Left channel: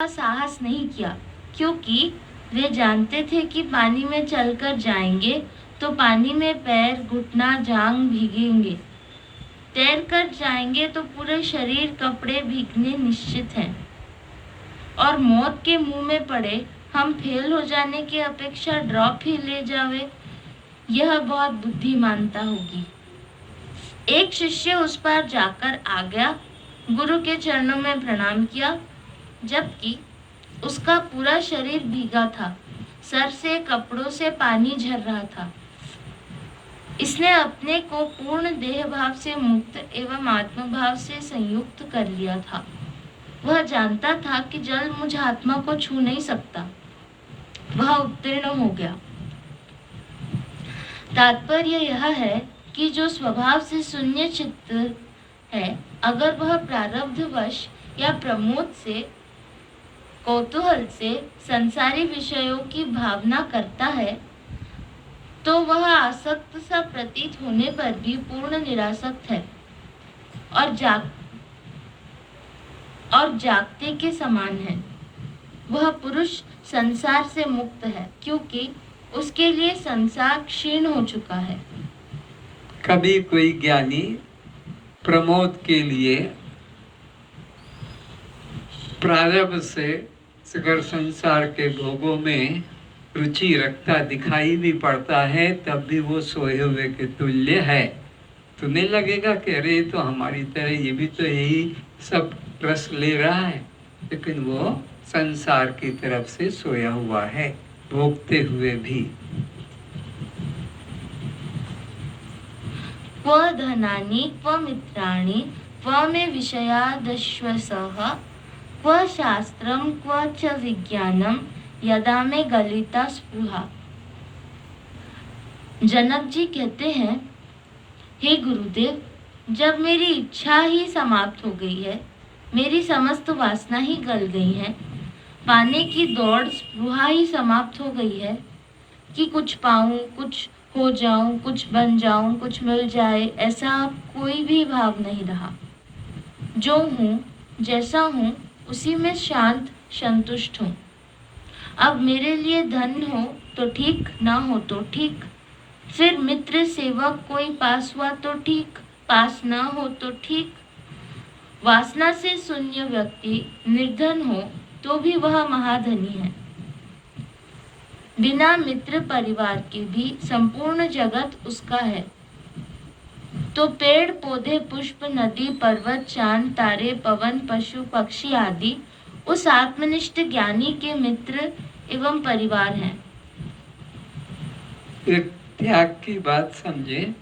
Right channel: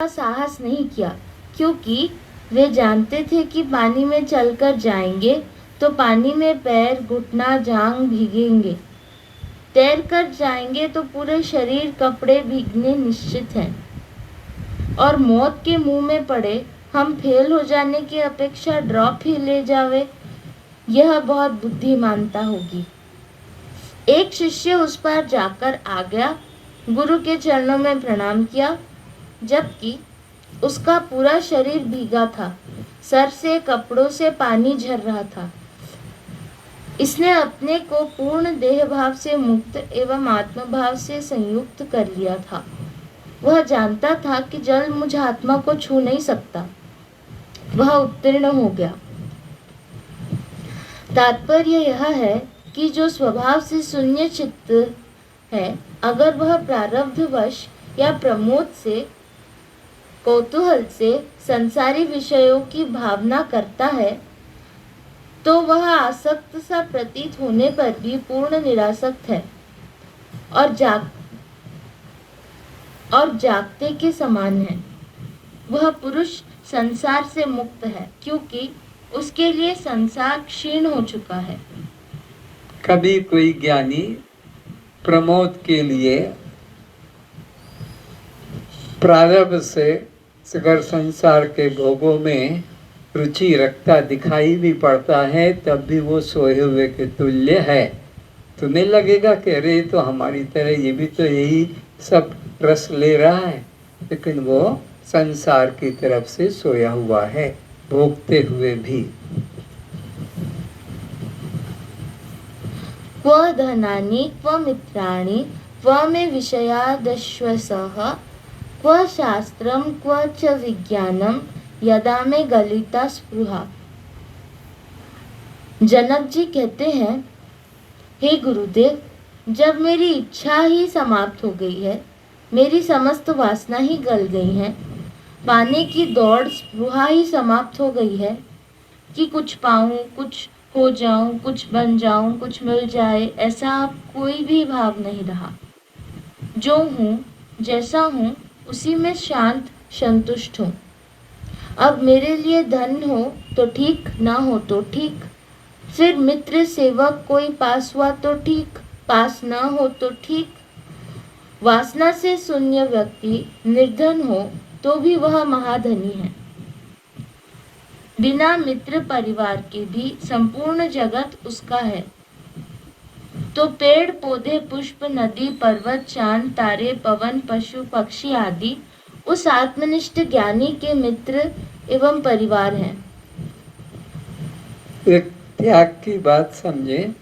का साहस नहीं किया, क्योंकि वे जानते थे कि पानी में चलकर जाएंगे तो पानी में पैर, घुटना, जांघ भीगेंगे। तैर कर जाएंगे तो पूरे शरीर, कपड़े भीगने निश्चित हैं। और मौत के मुंह में पड़े हम फेल हो जाने की अपेक्षा ड्रॉप ही ले जावे, यह बहुत बुद्धिमानता होगी। एक शिष्य उस पार जाकर आ गया, गुरु के चरणों में प्रणाम किया, जबकि उसका पूरा शरीर भीगा था, सर से, कपड़ों से पानी झर रहा था। इसने अपने को पूर्ण देह भाव से मुक्त एवं आत्मभाव से संयुक्त कर लिया था। वह जानता था कि जल मुझ आत्मा को छू नहीं सकता। वह उत्तीर्ण हो गया। तात्पर्य यह है कि जो स्वभाव से शून्य चित्त है, अगर वह प्रारब्धवश या प्रमोद से, कौतूहल से संसारी विषयों की भावना करता है, तो वह आसक्त सा प्रतीत होने पर भी पूर्ण निरासक्त है और जागते के समान है। वह पुरुष संसार से मुक्त है, क्योंकि उसके लिए संसार क्षीण हो चुका है। कभी कोई ज्ञानी प्रमोद के लिए प्रारब्ध से अगर संसार के भोगों में रुचि रखता दिखाई भी पड़ता है, तब भी वो सोए हुए के तुल्य है। तुम्हें लगेगा कि अरे तो हमारी तरह ये भी तो यही सब रस ले रहा है, लेकिन वो संसार की तरफ से सोया हुआ है, भोगते हुए भी। क्व धनानि क्व मित्राणि क्व मे विषयादश्वसः क्व शास्त्रम क्व च विज्ञानम यदा में गलिता स्पृहा। जनक जी कहते हैं, हे गुरुदेव, जब मेरी इच्छा ही समाप्त हो गई है, मेरी समस्त वासना ही गल गई है, पाने की दौड़, स्पृहा ही समाप्त हो गई है कि कुछ पाऊं, कुछ हो जाऊं, कुछ बन जाऊं, कुछ मिल जाए, ऐसा अब कोई भी भाव नहीं रहा। जो हूँ, जैसा हूँ, उसी में शांत संतुष्ट हूँ। अब मेरे लिए धन हो तो ठीक, ना हो तो ठीक, फिर मित्र सेवक कोई पास हुआ तो ठीक, पास ना हो तो ठीक। वासना से शून्य व्यक्ति निर्धन हो तो भी वह महाधनी है। बिना मित्र परिवार के भी संपूर्ण जगत उसका है। तो पेड़ पौधे, पुष्प, नदी, पर्वत, चांद, तारे, पवन, पशु, पक्षी आदि उस आत्मनिष्ठ ज्ञानी के मित्र एवं परिवार हैं। एक त्याग की बात समझे।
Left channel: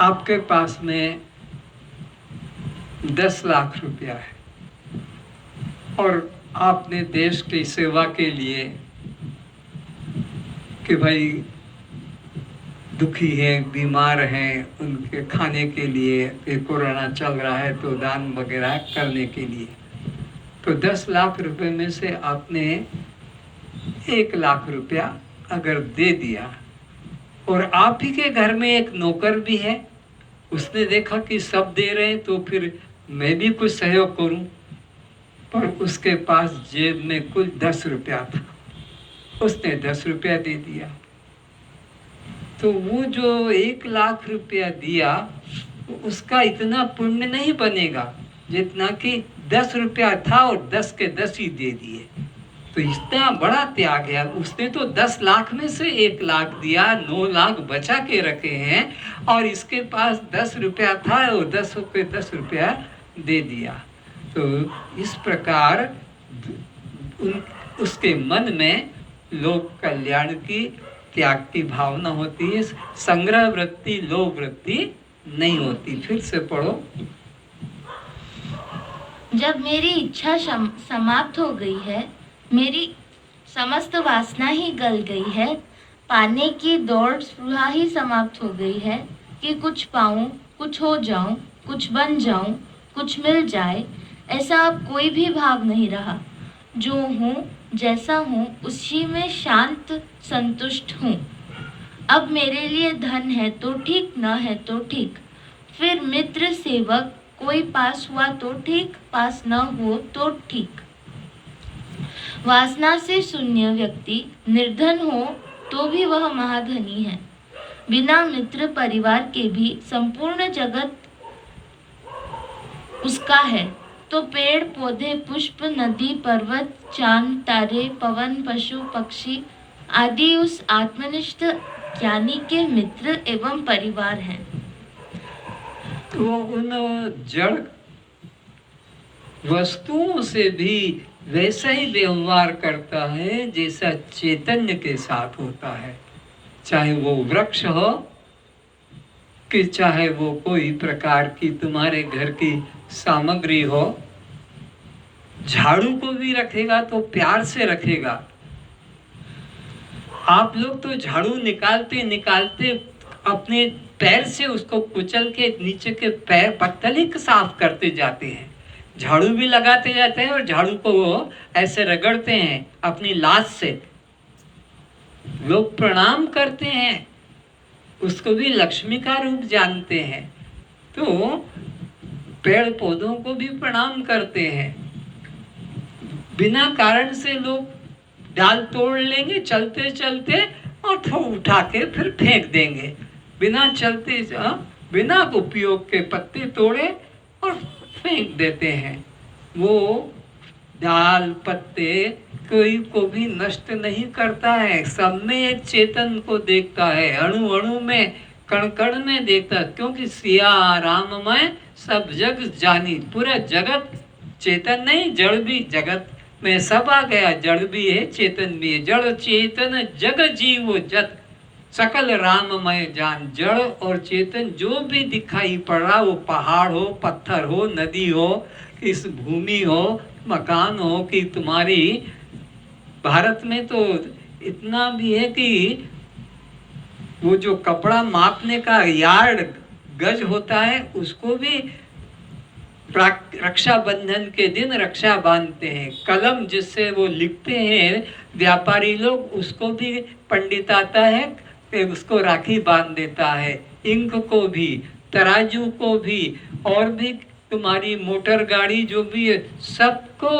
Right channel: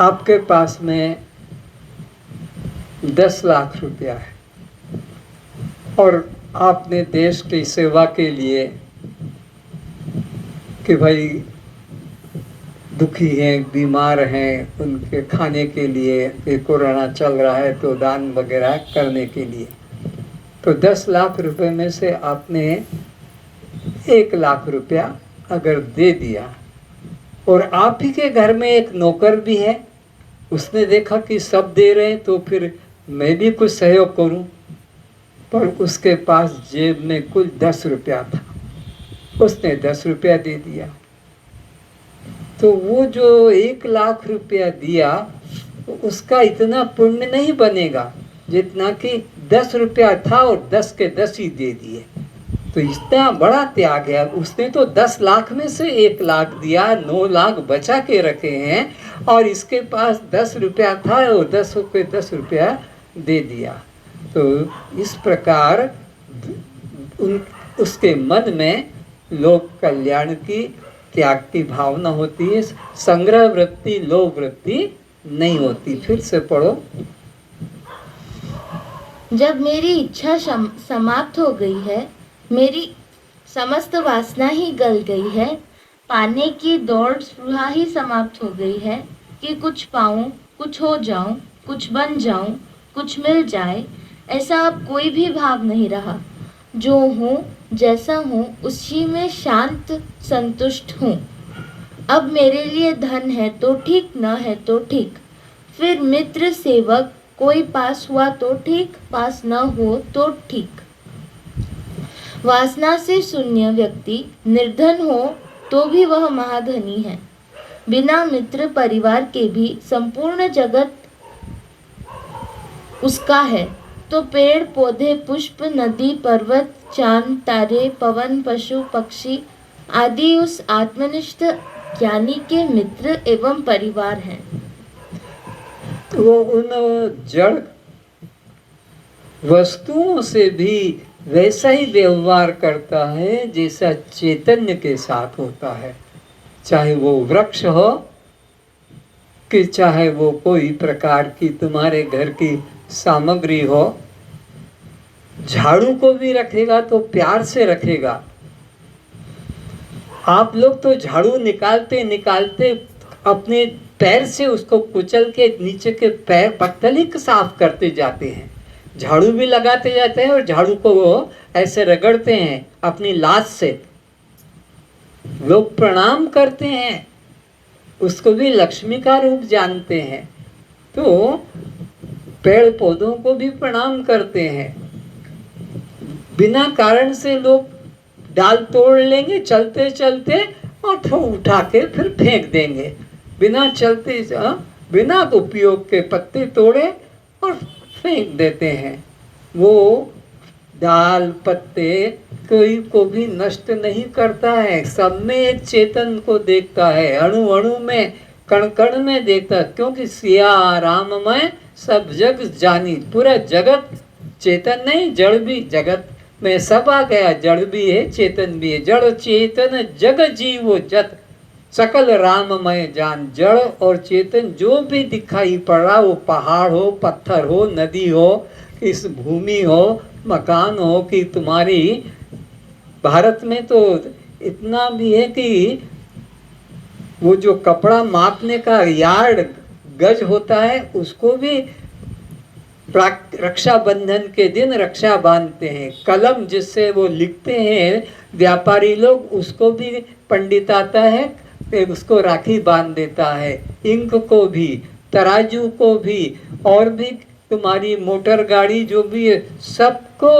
आपके पास में 10 लाख रुपया है और आपने देश की सेवा के लिए कि भाई दुखी हैं, बीमार हैं, उनके खाने के लिए, कि कोरोना चल रहा है तो दान वगैरह करने के लिए, तो 10 लाख रुपए में से आपने 1 लाख रुपया अगर दे दिया, और आप ही के घर में एक नौकर भी है, उसने देखा कि सब दे रहे हैं तो फिर मैं भी कुछ सहयोग करूं, पर उसके पास जेब में कुल 10 रुपया था, उसने 10 रुपया दे दिया, तो वो जो 1 लाख रुपया दिया उसका इतना पुण्य नहीं बनेगा जितना कि 10 रुपया था और 10 के 10 ही दे दिए। तो इतना बड़ा त्याग है। उसने तो 10 लाख में से 1 लाख दिया, 9 लाख बचा के रखे हैं, और इसके पास 10 रुपया था और 10 के 10 रुपया दे दिया। तो इस प्रकार उसके मन में लोक कल्याण की, त्याग की भावना होती है, संग्रह वृत्ति, लोभ वृत्ति नहीं होती। फिर से पढ़ो। जब मेरी इच्छा समाप्त हो गई है, मेरी समस्त वासना ही गल गई है, पाने की दौड़, स्पृहा ही समाप्त हो गई है कि कुछ पाऊं, कुछ हो जाऊं, कुछ बन जाऊं, कुछ मिल जाए, ऐसा अब कोई भी भाव नहीं रहा। जो हूँ, जैसा हूँ, उसी में शांत संतुष्ट हूँ। अब मेरे लिए धन है तो ठीक, न है तो ठीक, फिर मित्र सेवक कोई पास हुआ तो ठीक, पास न हो तो ठीक। वासना से शून्य व्यक्ति निर्धन हो तो भी वह महाधनी है। बिना मित्र परिवार के भी संपूर्ण जगत उसका है। तो पेड़ पौधे, पुष्प, नदी, पर्वत, चांद, तारे, पवन, पशु, पक्षी आदि उस आत्मनिष्ठ ज्ञानी के मित्र एवं परिवार हैं। वो उन जड़ वस्तुओं से भी वैसा ही व्यवहार करता है जैसा चैतन्य के साथ होता है, चाहे वो वृक्ष हो कि चाहे वो कोई प्रकार की तुम्हारे घर की सामग्री हो। झाड़ू को भी रखेगा तो प्यार से रखेगा। आप लोग तो झाड़ू निकालते निकालते अपने पैर से उसको कुचल के नीचे के पैर पत्तल ही साफ करते जाते हैं। झाड़ू भी लगाते जाते हैं और झाड़ू को वो ऐसे रगड़ते हैं अपनी लात से। लोग प्रणाम करते हैं, उसको भी लक्ष्मी का रूप जानते हैं। तो पेड़ पौधों को भी प्रणाम करते हैं। बिना कारण से लोग डाल तोड़ लेंगे चलते चलते और तो उठा के फिर फेंक देंगे। बिना उपयोग के पत्ते तोड़े और फेंक देते हैं। वो डाल पत्ते कोई को भी नष्ट नहीं करता है। सब में एक चेतन को देखता है, अणु अणु में, कण कण में देखता है। क्योंकि सिया राममय सब जग जानी। पूरा जगत चेतन नहीं, जड़ भी जगत में सब आ गया। जड़ भी है, चेतन भी है। जड़ चेतन जग जीव जत सकल राममय जान। जड़ और चेतन जो भी दिखाई पड़ रहा, वो पहाड़ हो, पत्थर हो, नदी हो, इस भूमि हो, मकान हो, कि तुम्हारी भारत में तो इतना भी है कि वो जो कपड़ा मापने का यार्ड गज होता है, उसको भी रक्षाबंधन के दिन रक्षा बांधते हैं। कलम जिससे वो लिखते हैं व्यापारी लोग, उसको भी पंडित आता है, उसको राखी बांध देता है। इंक को भी, तराजू को भी, और भी तुम्हारी मोटर गाड़ी जो भी है, सबको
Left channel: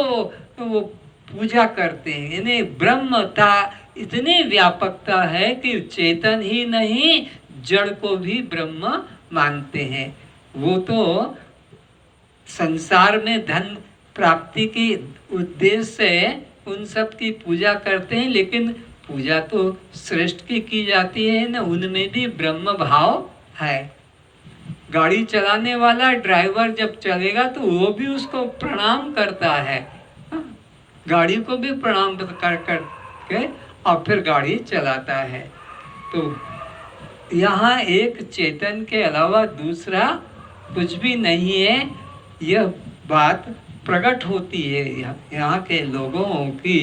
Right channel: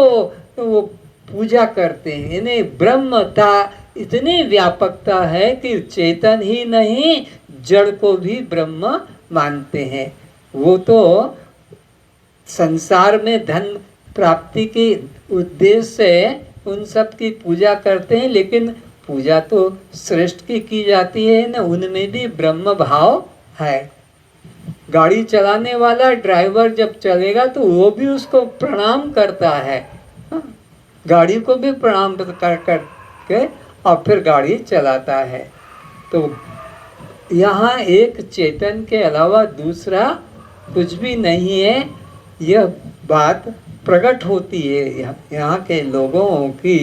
वो पूजा करते हैं। इन्हें ब्रह्मता इतनी व्यापकता है कि चेतन ही नहीं, जड़ को भी ब्रह्म मानते हैं। वो तो संसार में धन प्राप्ति के उद्देश्य से उन सब की पूजा करते हैं, लेकिन पूजा तो श्रेष्ठ की जाती है ना, उनमें भी ब्रह्म भाव है। गाड़ी चलाने वाला ड्राइवर जब चलेगा तो वो भी उसको प्रणाम करता है, गाड़ी को भी प्रणाम कर के और फिर गाड़ी चलाता है। तो यहाँ एक चेतन के अलावा दूसरा कुछ भी नहीं है। यह बात प्रकट होती है यहाँ के लोगों की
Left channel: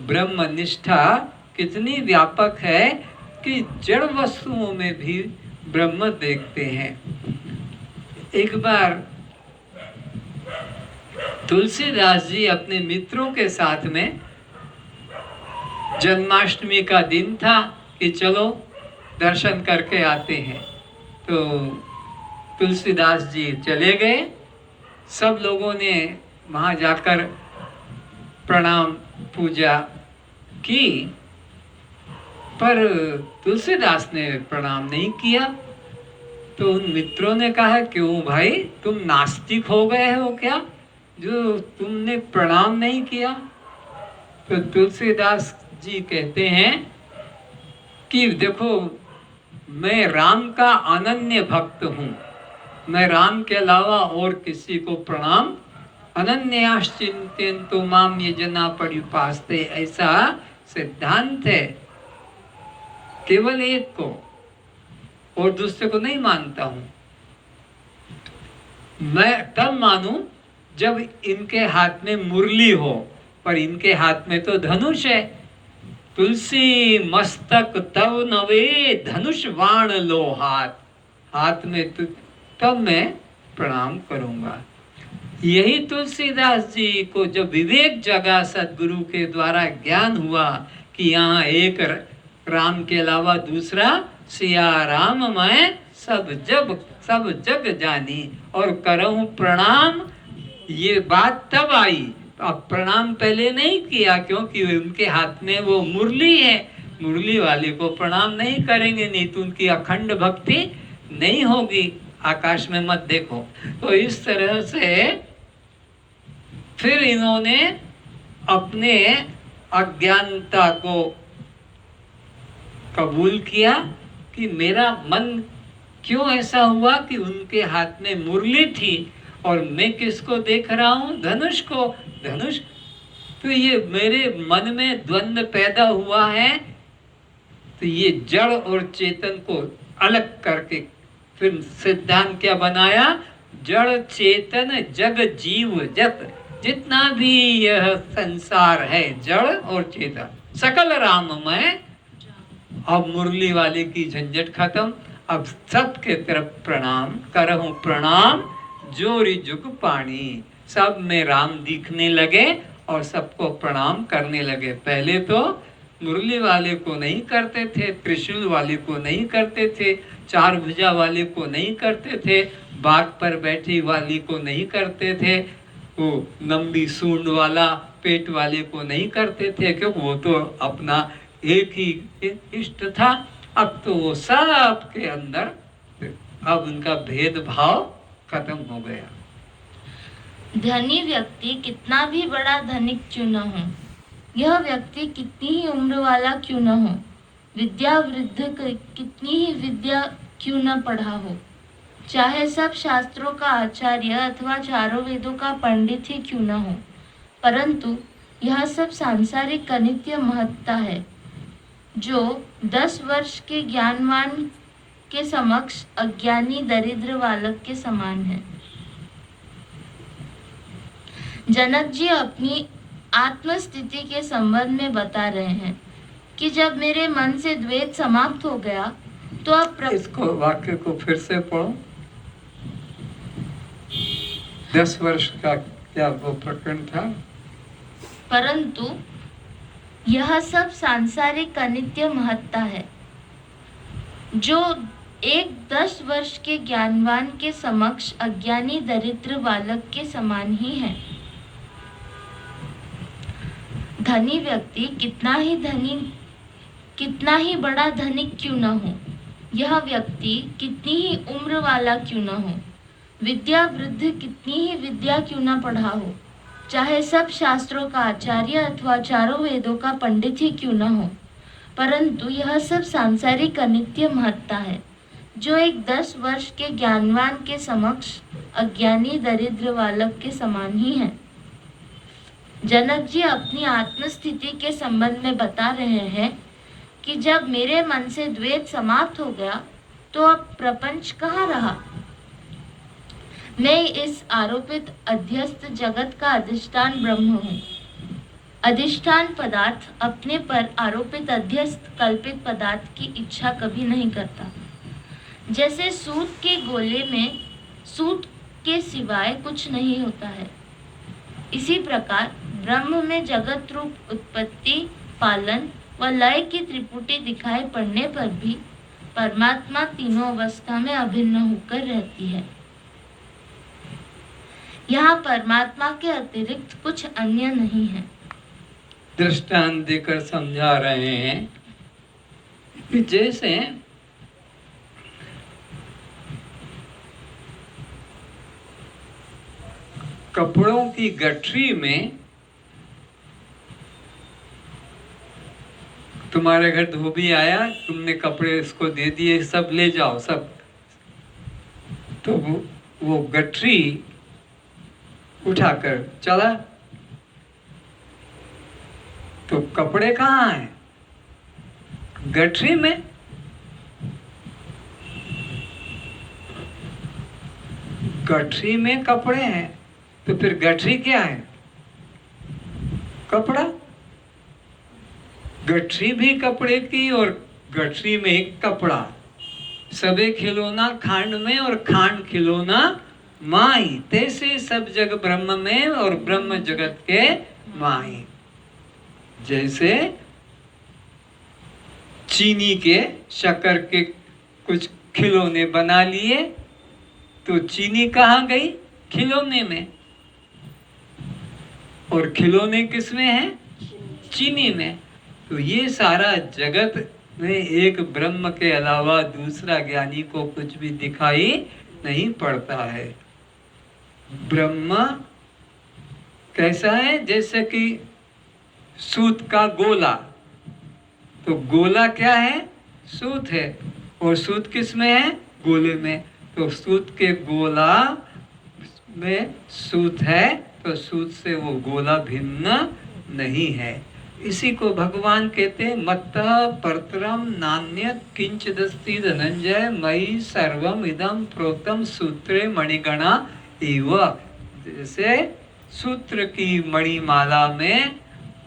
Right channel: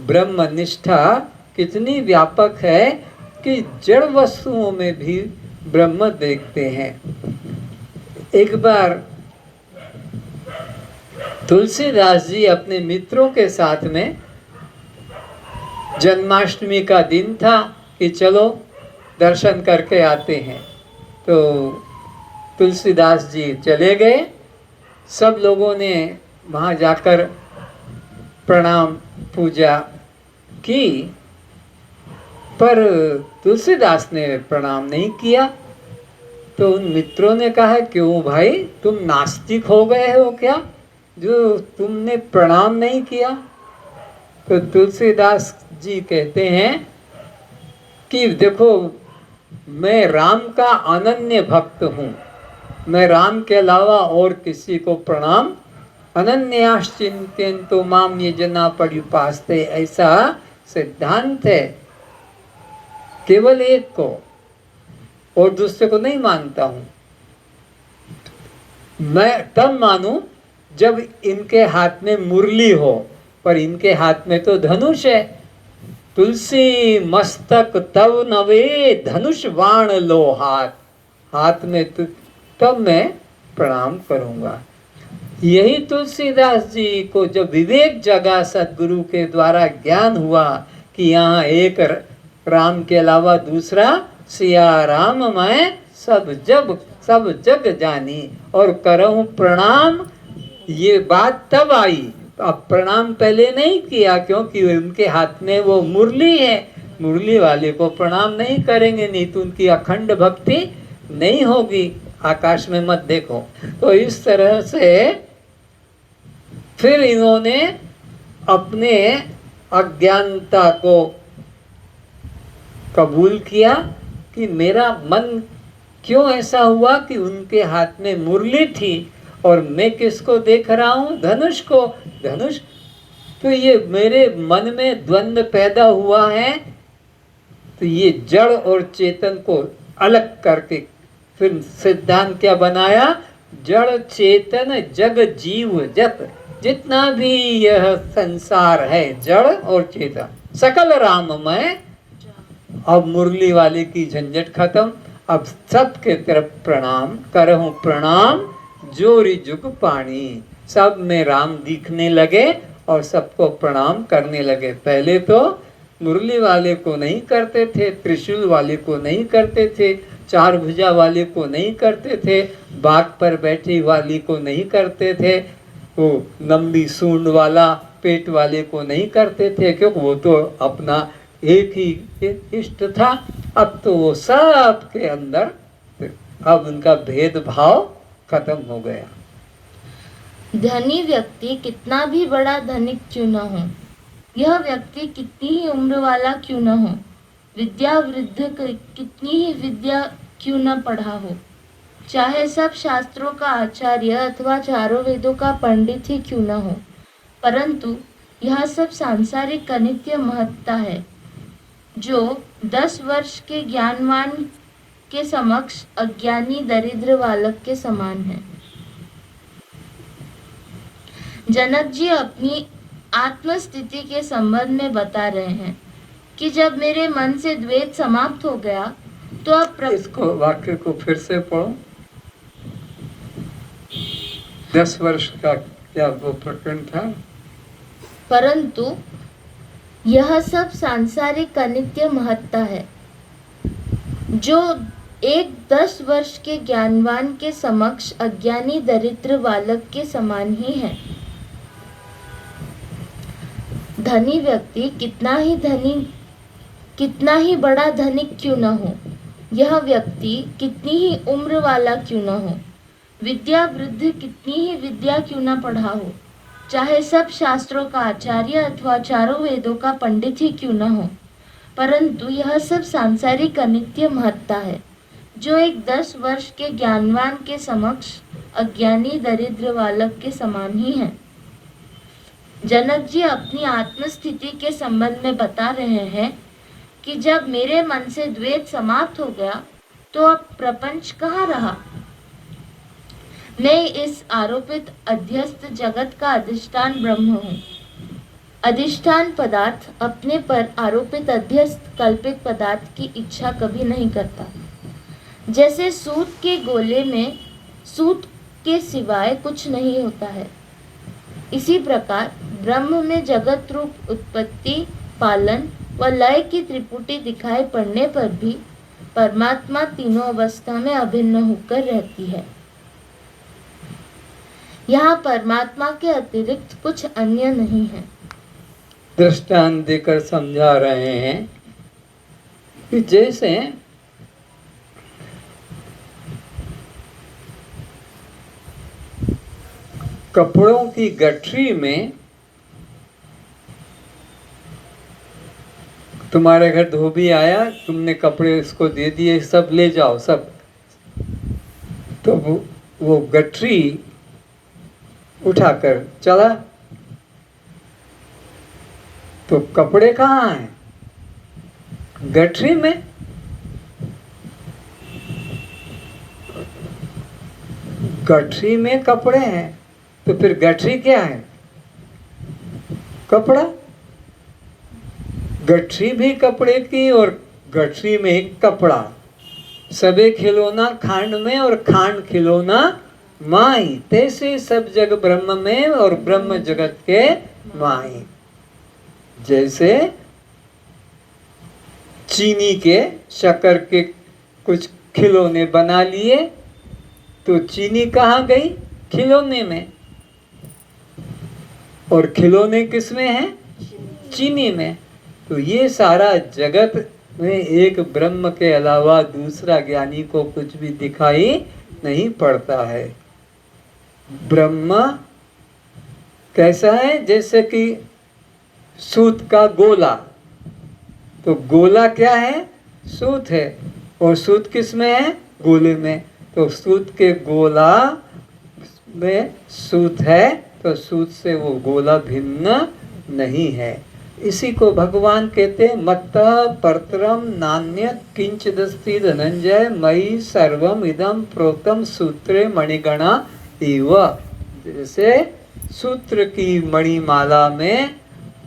ब्रह्मनिष्ठा कितनी व्यापक है कि जड़ वस्तुओं में भी ब्रह्म देखते हैं। एक बार तुलसीदास जी अपने मित्रों के साथ में, जन्माष्टमी का दिन था कि चलो दर्शन करके आते हैं, तो तुलसीदास जी चले गए। सब लोगों ने वहाँ जाकर प्रणाम पूजा की, पर तुलसीदास ने प्रणाम नहीं किया। तो उन मित्रों ने कहा, क्यों भाई, तुम नास्तिक हो गए हो क्या, जो तुमने प्रणाम नहीं किया? तो तुलसीदास जी कहते हैं कि देखो, मैं राम का अनन्य भक्त हूँ, मैं राम के अलावा और किसी को प्रणाम अनन्याश्चिंत्यन्तो माम ये जना पर्युपास्ते, ऐसा सिद्धांत है। केवल एक को और दूसरे को नहीं मानता हूँ। मैं तब मानूं जब इनके हाथ में मुरली हो, पर इनके हाथ में तो धनुष है। तुलसी मस्तक तव नवे धनुष बाण लो हाथ में, तो तब मैं प्रणाम करूंगा। यही तुलसीदास जी को जब विवेक जगा, सदगुरु के द्वारा ज्ञान हुआ कि यहाँ एक राम के अलावा दूसरा सिया राम मैं सब जग जानी और करहूं प्रणाम, ये बात तब आई। तो अब प्रणाम पहले नहीं किया क्योंकि उनके हाथ में वो मुरली है, मुरली वाले को प्रणाम नहीं करेंगे, नहीं तो उनकी अखंड भक्ति नहीं होगी। आकाश में मत देखो। तो इस तरह से फिर इन्होंने अपने अज्ञानता को कबूल किया कि मेरा मन क्यों ऐसा हुआ कि उनके हाथ में मुरली थी और मैं किसको देख रहा हूँ? धनुष को। धनुष, तो ये मेरे मन में द्वंद्व पैदा हुआ है। तो ये जड़ और चेतन को अलग करके फिर सिद्धांत क्या बनाया? जड़ चेतन जग जीव जत, जितना भी यह संसार है जड़ और चेतन सकल राममय। अब मुरली वाले की झंझट खत्म। अब सबके तरफ प्रणाम करहूं प्रणाम, जोरी जुग पानी। सब में राम दिखने लगे और सबको प्रणाम करने लगे। पहले तो मुरली वाले को नहीं करते थे, त्रिशूल वाले को नहीं करते थे, चार भुजा वाले को नहीं करते थे, बाघ पर बैठी वाली को नहीं करते थे, वो लंबी सूंड वाला पेट वाले को नहीं करते थे, क्योंकि वो तो अपना एक ही इष्ट था। अब तो वो सब के अंदर अब उनका भेदभाव खत्म हो गया। धनी व्यक्ति कितना भी बड़ा धनिक क्यों न हो, यह व्यक्ति कितनी ही उम्र वाला क्यों न हो, विद्या वृद्ध कितनी ही विद्या क्यों न पढ़ा हो, चाहे सब शास्त्रों का आचार्य अथवा चारों वेदों का पंडित ही क्यों न हो, परंतु यह सब सांसारिक अनित्य महत्ता है, जो 10 वर्ष के ज्ञानवान के समक्ष अज्ञानी दरिद्र बालक के समान है। जनक जी अपनी आत्मस्थिति के संबंध में बता रहे हैं कि जब मेरे मन से द्वेष समाप्त हो गया तो अब इसको वाक्य को फिर से पढ़ो। 10 वर्ष का क्या वो प्रकरण था? परंतु यह सब सांसारिक अनित्य महत्ता है, जो एक 10 वर्ष के ज्ञानवान के समक्ष अज्ञानी दरिद्र बालक के समान ही है। धनी व्यक्ति कितना ही बड़ा धनिक क्यों न हो, यह व्यक्ति कितनी ही उम्र वाला क्यों न हो, विद्या वृद्ध कितनी ही विद्या क्यों न पढ़ा हो, चाहे सब शास्त्रों का आचार्य अथवा चारों वेदों का पंडित ही क्यों न हो, परंतु यह सब सांसारिक अनित्य महत्ता है, जो एक 10 वर्ष के ज्ञानवान के समक्ष अज्ञानी दरिद्र बालक के समान ही है। जनक जी अपनी आत्मस्थिति के संबंध में बता रहे हैं कि जब मेरे मन से द्वेष समाप्त हो गया तो अब प्रपंच कहाँ रहा। मैं इस आरोपित अध्यस्त जगत का अधिष्ठान ब्रह्म हूँ। अधिष्ठान पदार्थ अपने पर आरोपित अध्यस्त कल्पित पदार्थ की इच्छा कभी नहीं करता। जैसे सूत के गोले में सूत के सिवाय कुछ नहीं होता है, इसी प्रकार ब्रह्म में जगत रूप उत्पत्ति, पालन व लय की त्रिपुटी दिखाई पड़ने पर भी परमात्मा तीनों अवस्था में अभिन्न होकर रहती है। यहाँ परमात्मा के अतिरिक्त कुछ अन्य नहीं है। दृष्टांत देकर समझा रहे हैं कि जैसे कपड़ों की गठरी में तुम्हारे घर धोबी आया, तुमने कपड़े इसको दे दिए, सब ले जाओ सब, तो वो गठरी उठाकर चला, तो कपड़े कहाँ हैं? गठरी में। गठरी में कपड़े हैं, तो फिर गठरी क्या है? कपड़ा। गठरी भी कपड़े की और गठरी में एक कपड़ा। सबे खिलौना खांड में और खांड खिलौना माई, तैसे सब जग ब्रह्म में और ब्रह्म जगत के माई। जैसे चीनी के शक्कर के कुछ खिलौने बना लिए, तो चीनी कहाँ गई? खिलौने में। और खिलौने किस में हैं? चीनी में। तो ये सारा जगत में एक ब्रह्म के अलावा दूसरा ज्ञानी को कुछ भी दिखाई नहीं पड़ता है। ब्रह्म कैसा है? जैसे कि सूत का गोला, तो गोला क्या है? सूत है, और सूत किस में है? गोले में। तो सूत के गोला में सूत है, तो सूत से वो गोला भिन्न नहीं है। इसी को भगवान कहते हैं मत्तः परतरम नान्यत् किंचिदस्ति धनंजय मयि सर्वम इदं प्रोक्तम सूत्रे मणिगणा इव। जैसे सूत्र की मणिमाला में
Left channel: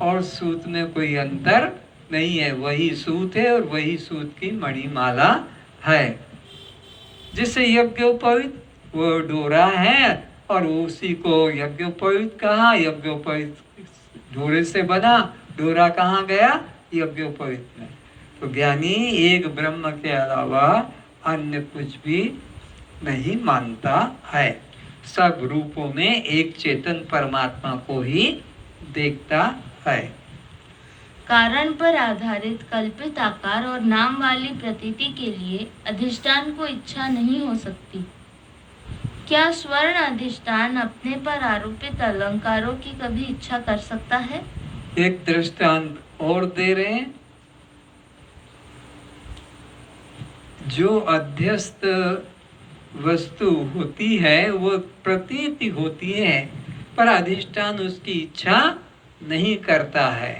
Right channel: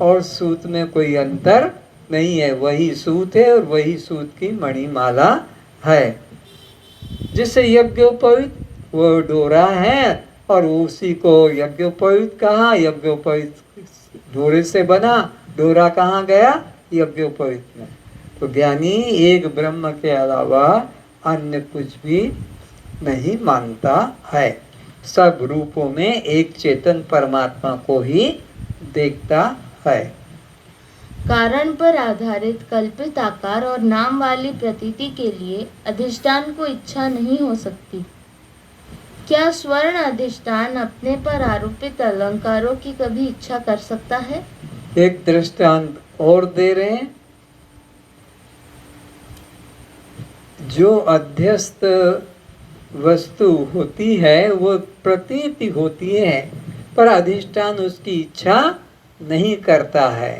और सूत में कोई अंतर नहीं है, वही सूत है और वही सूत की मणिमाला है। जिसे यज्ञोपवीत वो डोरा है, और उसी को यज्ञोपवीत कहा। यज्ञोपवीत डोरे से बना, डोरा कहाँ गया? यज्ञोपवीत में। तो ज्ञानी एक ब्रह्म के अलावा अन्य कुछ भी नहीं मानता है, सब रूपों में एक चेतन परमात्मा को ही देखता है। कारण पर आधारित कल्पित आकार और नाम वाली प्रतीति के लिए अधिष्ठान को इच्छा नहीं हो सकती। क्या स्वर्ण अधिष्ठान अपने पर आरोपित अलंकारों की कभी इच्छा कर सकता है? एक दृष्टांत और दे रहे हैं। जो अध्यस्त वस्तु होती है वो प्रतीति होती है, पर अधिष्ठान उसकी इच्छा नहीं करता है।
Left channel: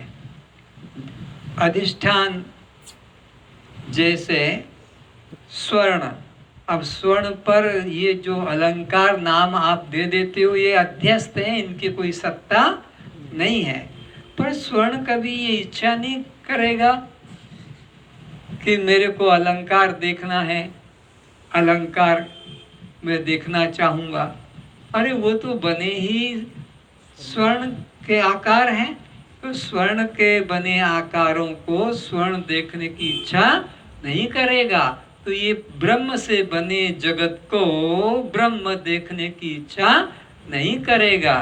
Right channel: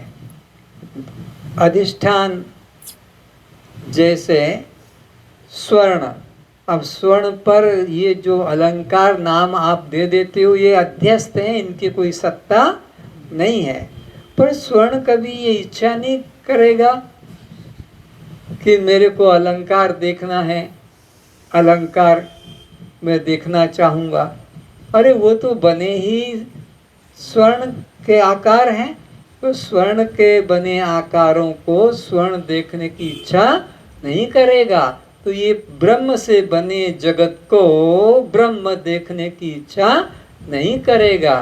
अधिष्ठान जैसे स्वर्ण, अब स्वर्ण पर ये जो अलंकार नाम आप दे देते हो ये अध्यस्त हैं, इनकी कोई सत्ता नहीं है। पर स्वर्ण कभी ये इच्छा नहीं करेगा कि मेरे को अलंकार देखना है, अलंकार मैं देखना चाहूँगा। अरे वो तो बने ही स्वर्ण के आकार हैं, तो स्वर्ण के बने आकारों को स्वर्ण देखने की इच्छा नहीं करेगा। तो ये ब्रह्म से बने जगत को ब्रह्म देखने की इच्छा नहीं करेगा।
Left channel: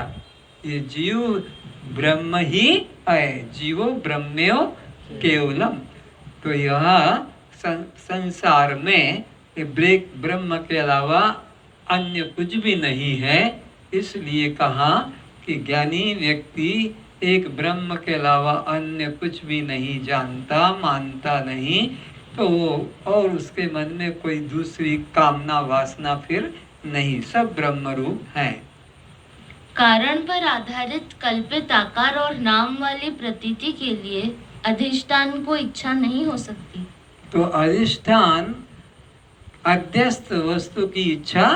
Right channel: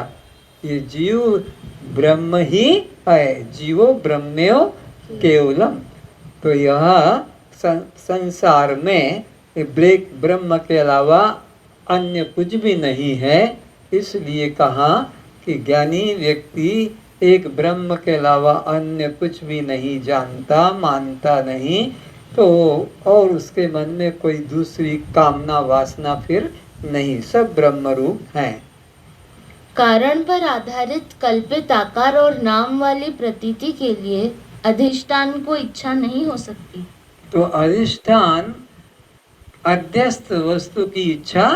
ये जीव ब्रह्म ही है, जीवो ब्रह्म्यो केवलम। तो यह संसार में ब्रह्म के अलावा अन्य कुछ भी नहीं है। इसलिए कहा कि ज्ञानी व्यक्ति एक ब्रह्म के अलावा अन्य कुछ भी नहीं जानता, मानता नहीं, तो और उसके मन में कोई दूसरी कामना वासना फिर नहीं, सब ब्रह्म रूप हैं। कारण पर आधारित कल्पित आकार और नाम वाली प्रतीति के लिए अधिष्ठान को इच्छा नहीं हो सकती। तो अधिष्ठान अध्यस्त वस्तु की इच्छा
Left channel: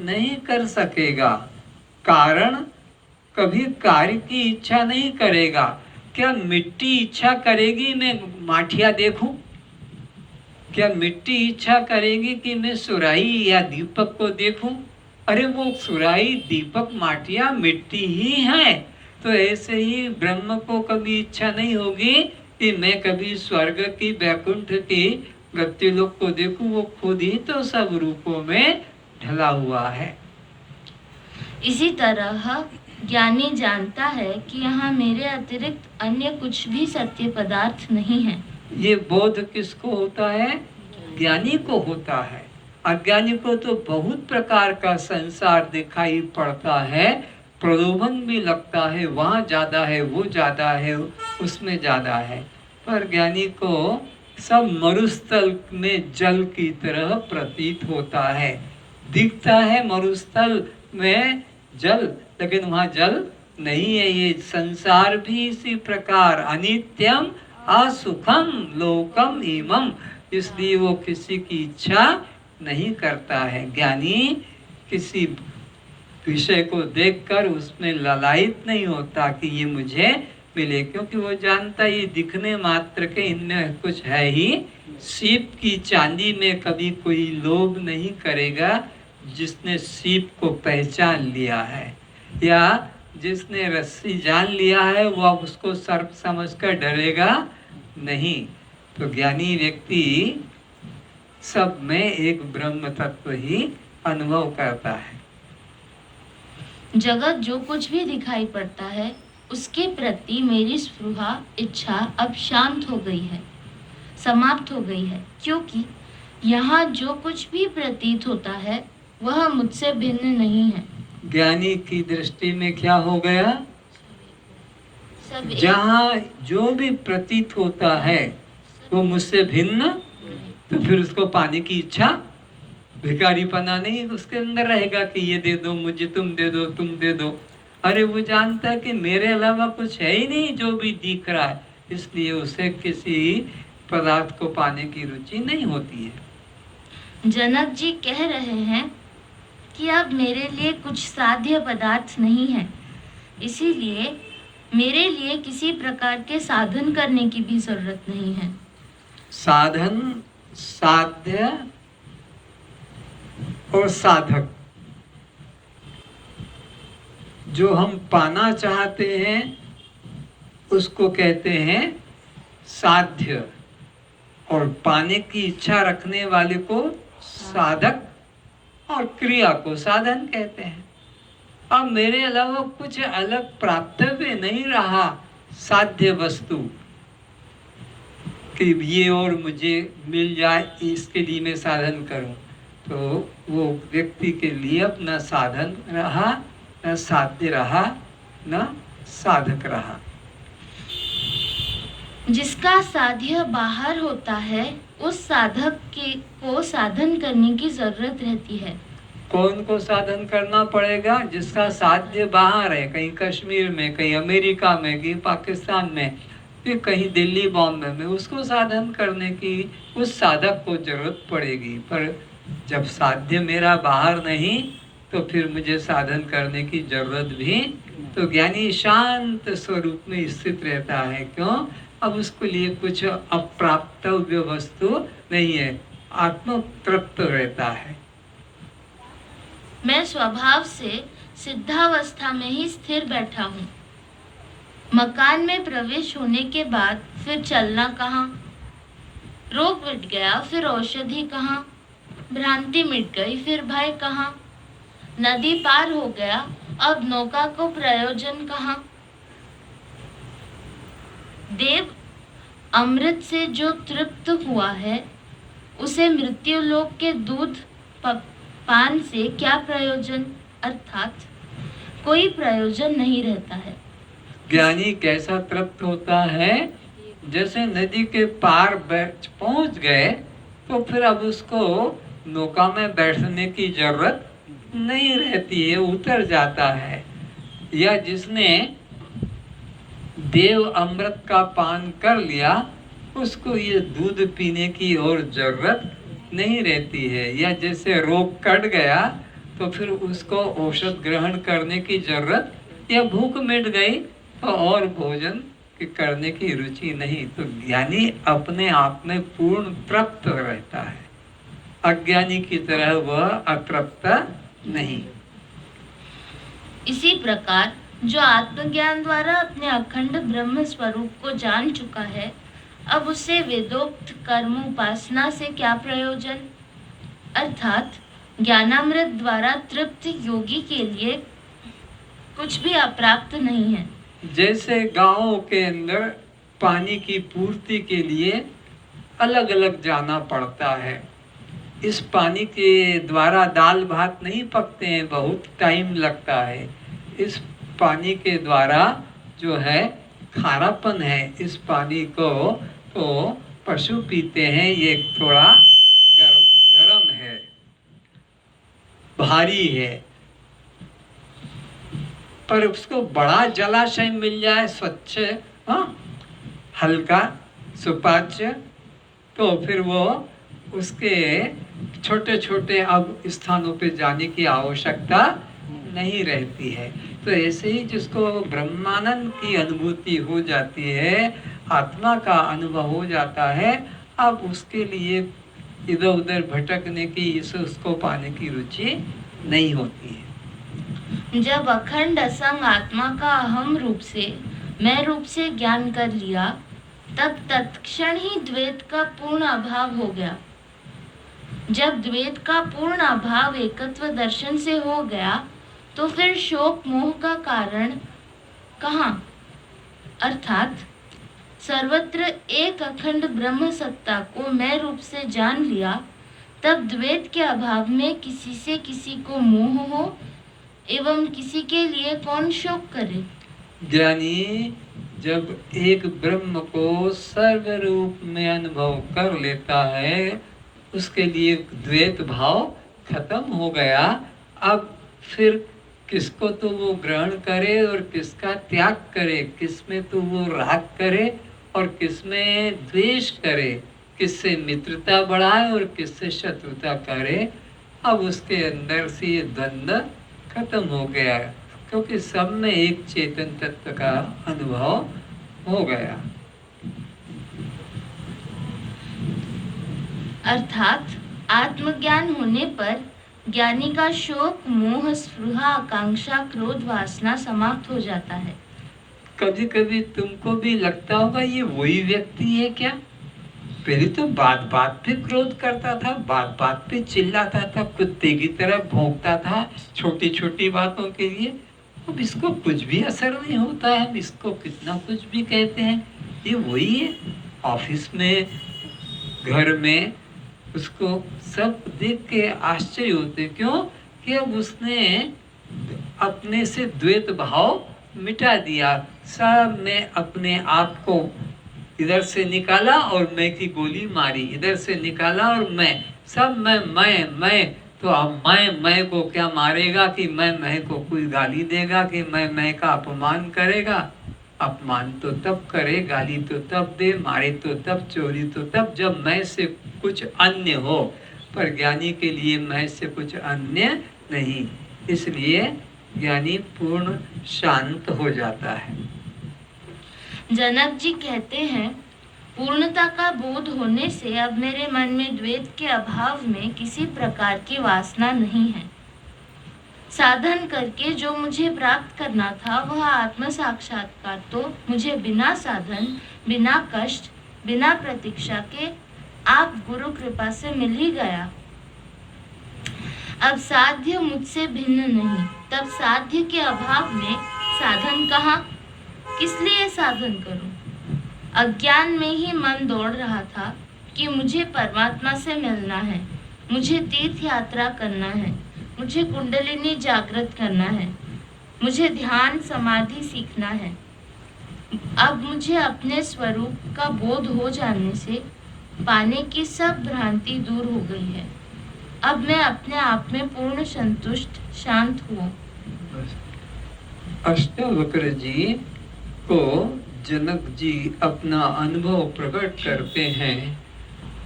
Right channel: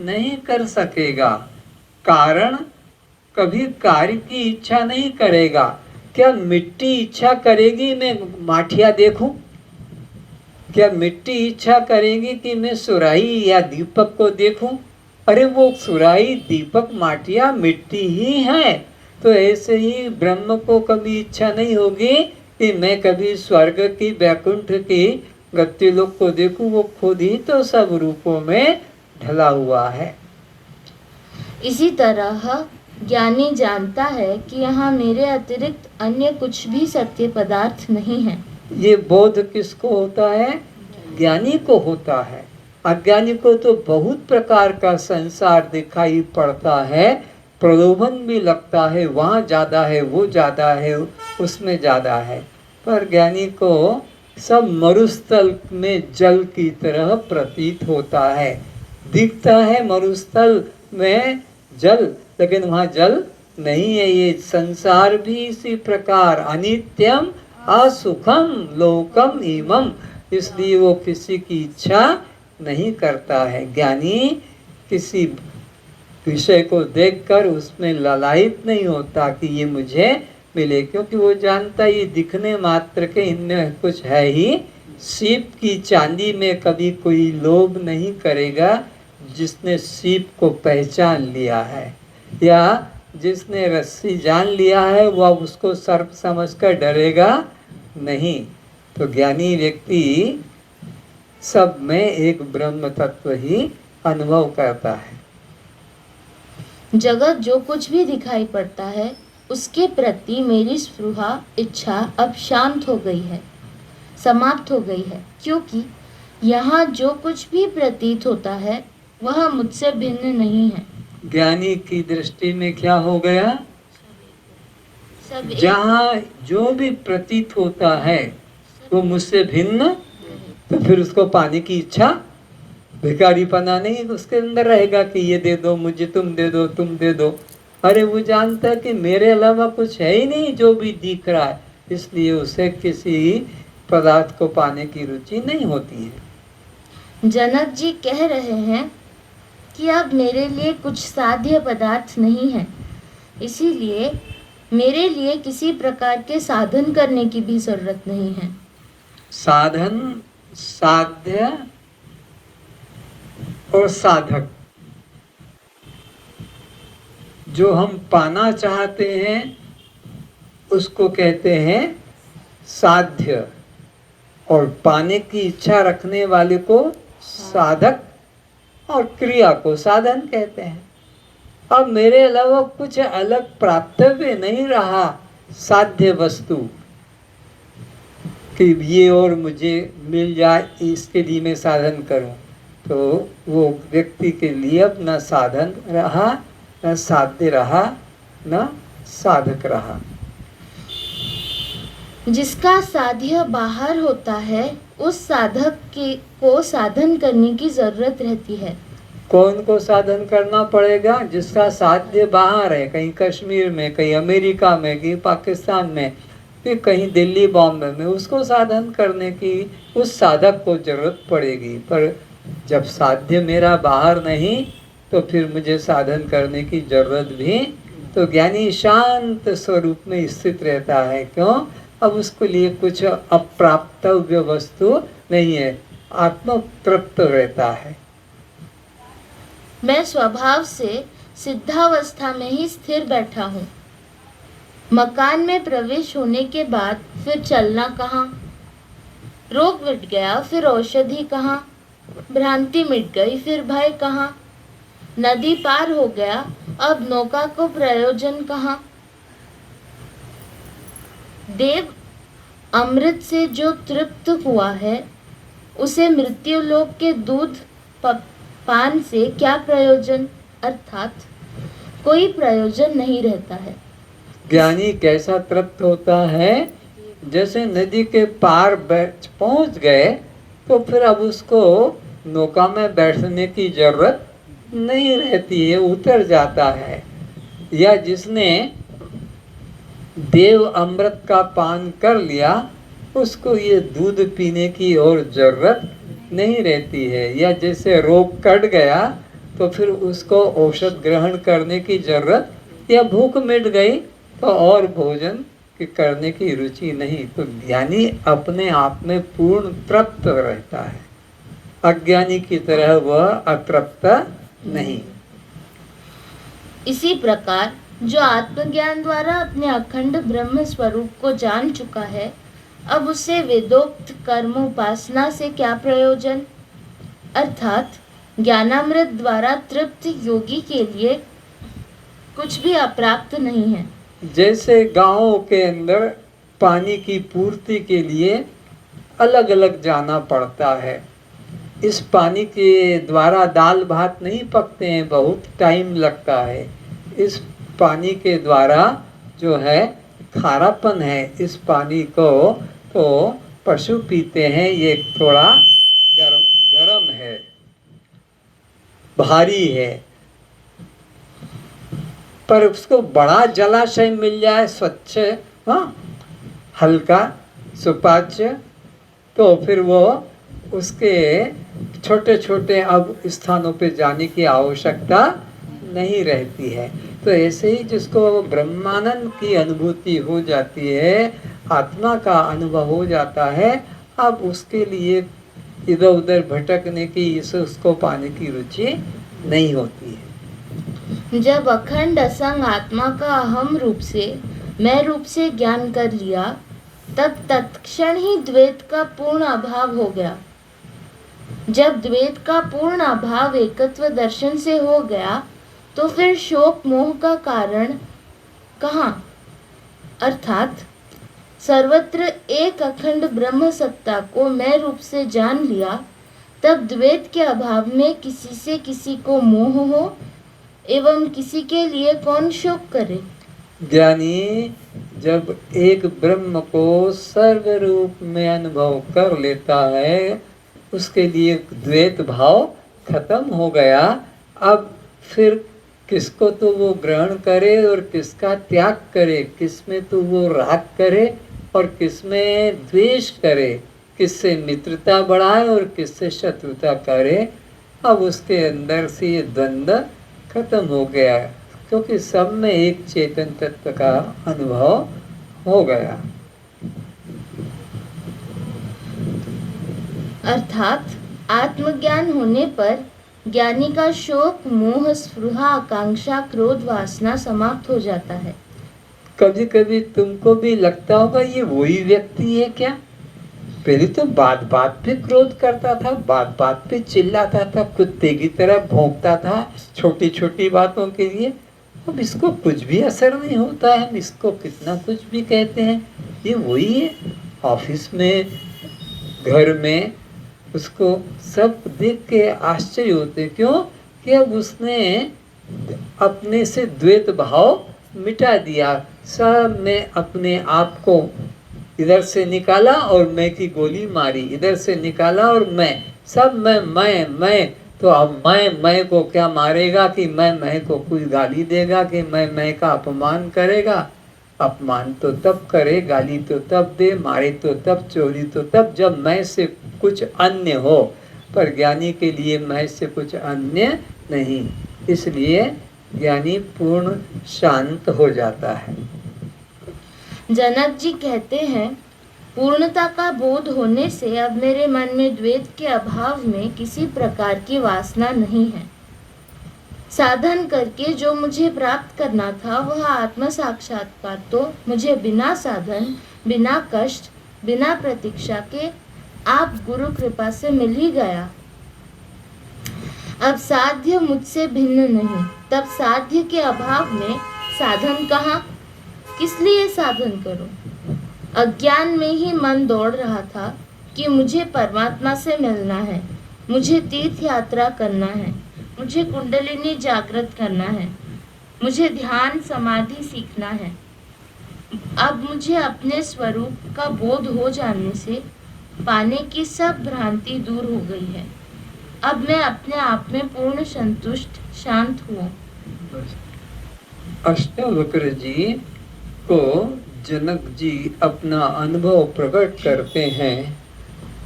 नहीं कर सकेगा। कारण कभी कार्य की इच्छा नहीं करेगा। क्या मिट्टी इच्छा करेगी मैं माठिया देखूं? क्या मिट्टी इच्छा करेगी कि मैं सुराही या दीपक को देखूं? अरे वो सुराही, दीपक, माटिया मिट्टी ही है। तो ऐसे ही ब्रह्म को कभी इच्छा नहीं होगी कि मैं कभी स्वर्ग की, वैकुंठ की, गतिलोक को देखूं। वो खुद ही तो सब रूपों में ढला हुआ है। इसी तरह ज्ञानी जानता है कि यहाँ मेरे अतिरिक्त अन्य कुछ भी सत्य पदार्थ नहीं है। ये बोध किसको होता है? ज्ञानी को होता है। अज्ञानी को तो बहुत प्रकार का संसार दिखाई पड़ता है, प्रलोभन भी लगता है, वहाँ ज़्यादा है, वो ज़्यादा है, उसमें ज़्यादा है। पर ज्ञानी को सब मरुस्थल में जल की तरह प्रतीत होता है। दिखता है मरुस्थल में जल, लेकिन वहाँ जल नहीं है। ये संसार भी इसी प्रकार अनित्यम असुखम लोकम इमम, इसलिए वो किसी की इच्छा नहीं करता है। ज्ञानी किसी विषय को देखकर उसमें ललायित नहीं होता कि ये मुझे मिले, क्योंकि वो जानता ये दिखने मात्र के, इनमें कुछ है ही। सीप की चांदी में कभी कोई लोभ नहीं करेगा जिसने सीप को पहचान लिया है, या जिसने रस्सी जान लिया है वो अब उसको सर्प समझकर डरेगा नहीं। तो ज्ञानी व्यक्ति सब में एक ब्रह्म तत्व ही अनुभव करता है। जगत जो कुछ भी दिखाई पड़ता है उसके प्रति मेरी स्पृहा इच्छा अब शांत हो गई है, समाप्त हो गई है, क्योंकि यहाँ जो कुछ भी प्रतीत होता है वह मुझसे भिन्न नहीं है। ज्ञानी की दृष्टि में क्या हो गया? सब जहाँ जो भी प्रतीत होता है वो मुझसे भिन्न, तो फिर उसको पाने की इच्छा, भिखारीपना नहीं उसके अंदर रहेगा कि ये दे दो मुझे, तुम दे दो, तुम दे दो। अरे वो जानता है कि मेरे अलावा कुछ है ही नहीं जो भी दिख रहा है, इसलिए उसे किसी पदार्थ को पाने की रुचि नहीं होती है। जनक जी कह रहे हैं कि अब मेरे लिए कुछ साध्य पदार्थ नहीं है, इसीलिए मेरे लिए किसी प्रकार के साधन करने की भी जरूरत नहीं है। साधन, साध्य और साधक, जो हम पाना चाहते हैं उसको कहते हैं साध्य, और पाने की इच्छा रखने वाले को साधक, और क्रिया को साधन कहते हैं। अब मेरे अलावा कुछ अलग प्राप्तव्य नहीं रहा साध्य वस्तु कि ये और मुझे मिल जाए, इसके लिए मैं साधन करूं, तो वो व्यक्ति के लिए अब न साधन रहा, न साध्य रहा, न साधक रहा। जिसका साध्य बाहर होता है उस साधक को साधन करने की जरूरत रहती है। कौन को साधन करना पड़ेगा? जिसका साध्य बाहर है, कहीं कश्मीर में, कहीं अमेरिका में, कहीं पाकिस्तान में, फिर कहीं दिल्ली बॉम्बे में, उसको साधन करने की उस साधक को जरूरत पड़ेगी। पर जब साध्य मेरा बाहर नहीं तो फिर मुझे साधन करने की जरूरत भी, तो ज्ञानी शांत स्वरूप में स्थित रहता है। क्यों? अब उसके लिए कुछ अप्राप्तव्य वस्तु नहीं है, आत्म तृप्त रहता है। मैं स्वभाव से सिद्धावस्था में ही स्थिर बैठा हूँ। मकान में प्रवेश होने के बाद फिर चलना कहाँ? रोग मिट गया फिर औषधि कहाँ? भ्रांति मिट गई फिर भय कहाँ? नदी पार हो गया अब नौका को प्रयोजन कहाँ? देव अमृत से जो तृप्त हुआ है उसे मृत्युलोक के दूध पान से क्या प्रयोजन, अर्थात कोई प्रयोजन नहीं रहता है। ज्ञानी कैसा तृप्त होता है? जैसे नदी के पार पहुंच गए तो फिर अब उसको नौका में बैठने की जरूरत नहीं रहती है, उतर जाता है। या जिसने देव अमृत का पान कर लिया उसको ये दूध पीने की और जरूरत नहीं रहती है। या जैसे रोग कट गया तो फिर उसको औषध ग्रहण करने की जरूरत, या भूख मिट गई तो और भोजन करने की रुचि नहीं। तो ज्ञानी अपने आप में पूर्ण तृप्त रहता है, अज्ञानी की तरह वह अतृप्त नहीं। इसी प्रकार जो आत्मज्ञान द्वारा अपने अखंड ब्रह्म स्वरूप को जान चुका है, अब उसे वेदोक्त कर्म उपासना से क्या प्रयोजन, अर्थात ज्ञानामृत द्वारा तृप्त योगी के लिए कुछ भी अप्राप्त नहीं है। जैसे गांवों के अंदर पानी की पूर्ति के लिए अलग अलग जाना पड़ता है, इस पानी के द्वारा दाल भात नहीं पकते हैं, बहुत टाइम लगता है। इस पानी के द्वारा जो है खारापन है, इस पानी को तो पशु पीते हैं, ये थोड़ा गरम है, भारी है। पर उसको बड़ा जलाशय मिल जाए, स्वच्छ, हल्का, सुपाच्य, तो फिर वो उसके छोटे छोटे अब स्थानों पे जाने की आवश्यकता नहीं रहती है। तो ऐसे ही जिसको ब्रह्मानंद की अनुभूति हो जाती है, आत्मा का अनुभव हो जाता है, अब उसके लिए इधर उधर भटकने की, उसको पाने की रुचि नहीं होती है। जब अखंड असंग आत्मा का अहम रूप से, मैं रूप से ज्ञान कर लिया, तब तत्क्षण ही द्वैत का पूर्ण अभाव हो गया। जब द्वैत का पूर्ण अभाव एकत्व दर्शन से हो गया तो फिर शोक मोह का कारण कहाँ? अर्थात सर्वत्र एक अखंड ब्रह्म सत्ता को मैं रूप से जान लिया, तब द्वैत के अभाव में किसी से किसी को मोह हो एवं किसी के लिए कौन शोक करे। ज्ञानी जब एक ब्रह्म को सर्व रूप में अनुभव कर लेता है, उसके लिए द्वैत भाव खत्म हो गया। अब फिर किसको तो वो ग्रहण करे और किसका त्याग करे, किसमें तो वो राग करे और किसमें द्वेष करे, किससे मित्रता बढ़ाए और किससे शत्रुता करे। अब उसके अंदर से ये द्वंद्व खत्म हो गया, क्योंकि सब में एक चेतन तत्व का अनुभव हो गया। अर्थात आत्मज्ञान होने पर ज्ञानी का शोक, मोह, स्पृहा, आकांक्षा, क्रोध, वासना समाप्त हो जाता है। कभी कभी तुमको भी लगता होगा ये वही व्यक्ति है क्या? पहले तो बात बात पे क्रोध करता था, बात बात पे चिल्लाता था, कुत्ते की तरह भौंकता था छोटी छोटी बातों के लिए। अब इसको कुछ भी असर नहीं होता है, हम इसको कितना कुछ भी कहते हैं, ये वही है। ऑफिस में, घर में उसको सब देख के आश्चर्य होते, क्यों कि अब उसने अपने से द्वैत भाव मिटा दिया। सब में अपने आप को इधर से निकाला और मैं की गोली मारी, इधर से निकाला और मैं, सब मैं। तो अब मैं को क्या मारेगा कि मैं को कोई गाली देगा कि मैं का अपमान करेगा। अपमान तो तब करे, गाली तो तब दे, मारे तो तब, चोरी तो तब जब मैं से कुछ अन्य हो। पर ज्ञानी के लिए मैं से कुछ अन्य नहीं, इसलिए ज्ञानी पूर्ण शांत हो जाता है। जनक जी कहते हैं, पूर्णता का बोध होने से अब मेरे मन में द्वैत के अभाव में किसी प्रकार की वासना नहीं है। साधन करके जो मुझे प्राप्त करना था वह आत्म साक्षात्कार तो मुझे बिना साधन, बिना कष्ट, बिना प्रतीक्षा के आप गुरु कृपा से मिल ही गया। अब साध्य मुझसे भिन्न नहीं, तब साध्य के अभाव में साधन कहाँ, किस लिए साधन करूं? अज्ञान में ही मन दौड़ रहा था कि मुझे परमात्मा से मिलना है, मुझे तीर्थ यात्रा करना है, मुझे कुंडलिनी जागृत करना है, मुझे ध्यान समाधि सीखना है। अब मुझे अपने स्वरूप का बोध हो जाने से पाने की सब भ्रांति दूर हो गई है। अब मैं अपने आप में पूर्ण संतुष्ट, शांत हूँ। अष्टावक्र जी को जनक जी अपना अनुभव प्रकट करते हैं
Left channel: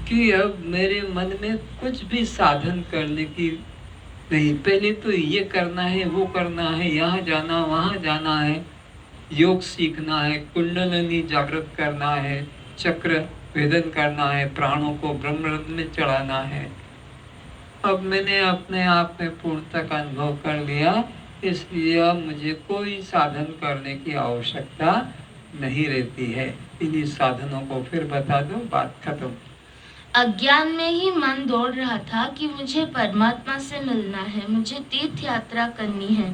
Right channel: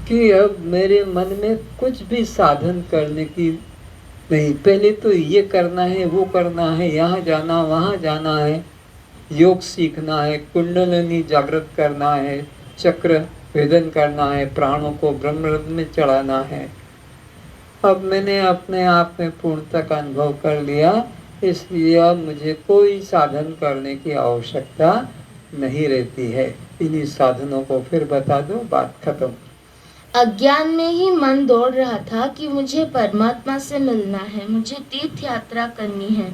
कि अब मेरे मन में कुछ भी साधन करने की नहीं, पहले तो ये करना है, वो करना है, यहाँ जाना, वहाँ जाना है, योग सीखना है, कुंडलिनी जागृत करना है, चक्र भेदन करना है, प्राणों को ब्रह्मरंध्र में चढ़ाना है। अब मैंने अपने आप में पूर्णता का अनुभव कर लिया, इसलिए अब मुझे कोई साधन करने की आवश्यकता नहीं रहती है। इन्हीं साधनों को फिर बता दो, बात खत्म। अज्ञान में ही मन दौड़ रहा था कि मुझे परमात्मा से मिलना है, मुझे तीर्थ यात्रा करनी है,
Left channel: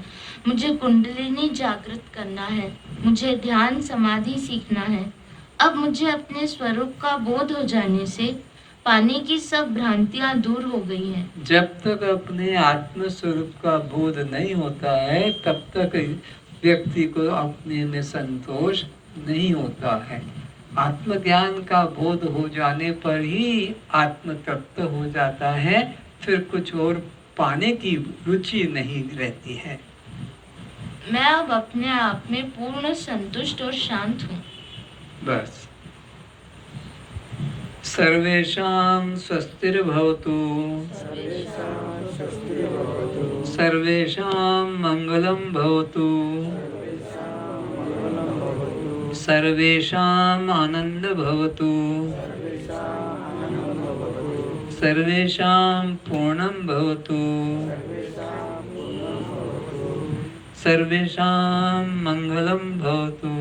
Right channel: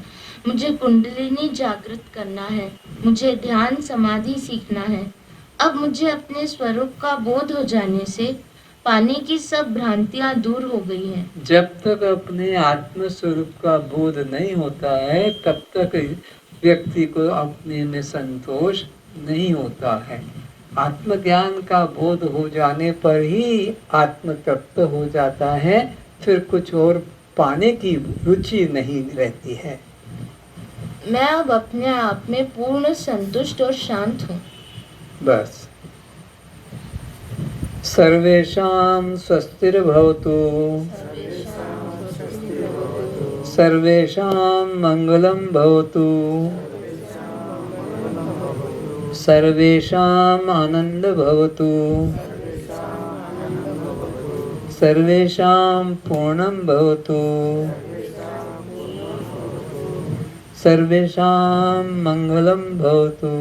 मुझे कुंडलिनी जागृत करना है, मुझे ध्यान समाधि सीखना है। अब मुझे अपने स्वरूप का बोध हो जाने से पाने की सब भ्रांतियां दूर हो गई हैं। जब तक अपने आत्म स्वरूप का बोध नहीं होता है, तब तक व्यक्ति को अपने में संतोष नहीं होता है। आत्मज्ञान का बोध हो जाने पर ही आत्म तत्व हो जाता है, फिर कुछ और पाने की रुचि नहीं रहती है। मैं अब अपने आप में पूर्ण संतुष्ट और शांत हूँ। बस। सर्वेषां स्वस्तिर्भवतु, सर्वेषां मंगलं भवतु, सर्वेषां आनंद भवतु, सर्वेषां पूर्णं भवतु, सर्वेषां मंगलं भवतु।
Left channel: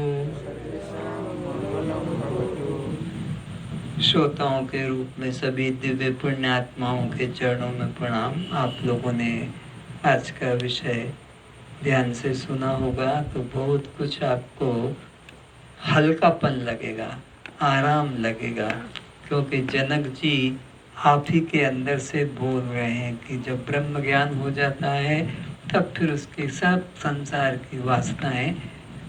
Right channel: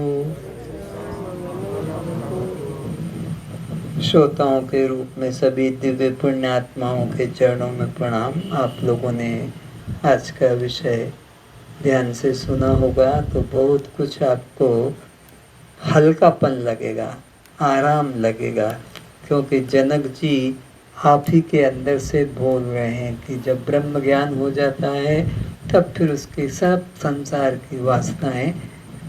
श्रोताओं के रूप में सभी दिव्य पुण्यात्माओं के चरणों में प्रणाम। आप लोगों ने आज का विषय ध्यान से सुना होगा तो बहुत कुछ आपको हल्कापन लगेगा, आराम लगेगा, क्योंकि जनक जी आप ही के अंदर से बोल रहे हैं कि जब ब्रह्म ज्ञान हो जाता है तब फिर उसके सब संसार की वासनाएं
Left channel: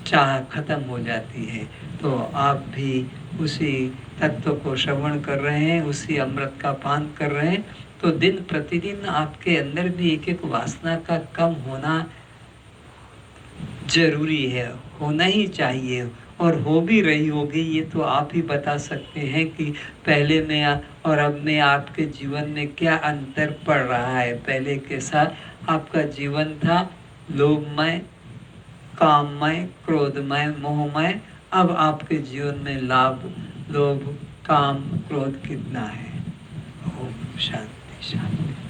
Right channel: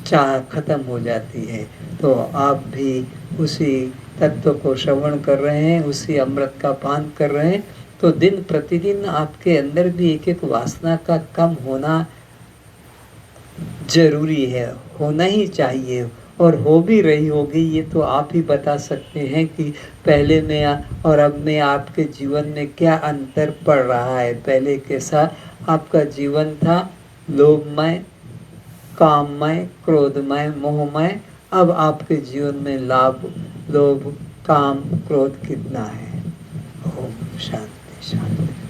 चाह खत्म हो जाती है। तो आप भी उसी तत्व को श्रवण कर रहे हैं, उसी अमृत का पान कर रहे हैं, तो दिन प्रतिदिन आपके अंदर भी एक एक वासना का कम होना जरूरी है, होना ही चाहिए। और हो भी रही होगी, ये तो आप ही बता सकते हैं कि पहले में और अब में आपके जीवन में क्या अंतर पड़ रहा है। पहले कैसा आपका जीवन था, लोभमय, काममय, क्रोधमय, मोहमय। अब आपके जीवन में लोभ, काम, क्रोध कितना है। ओम शांति शांति।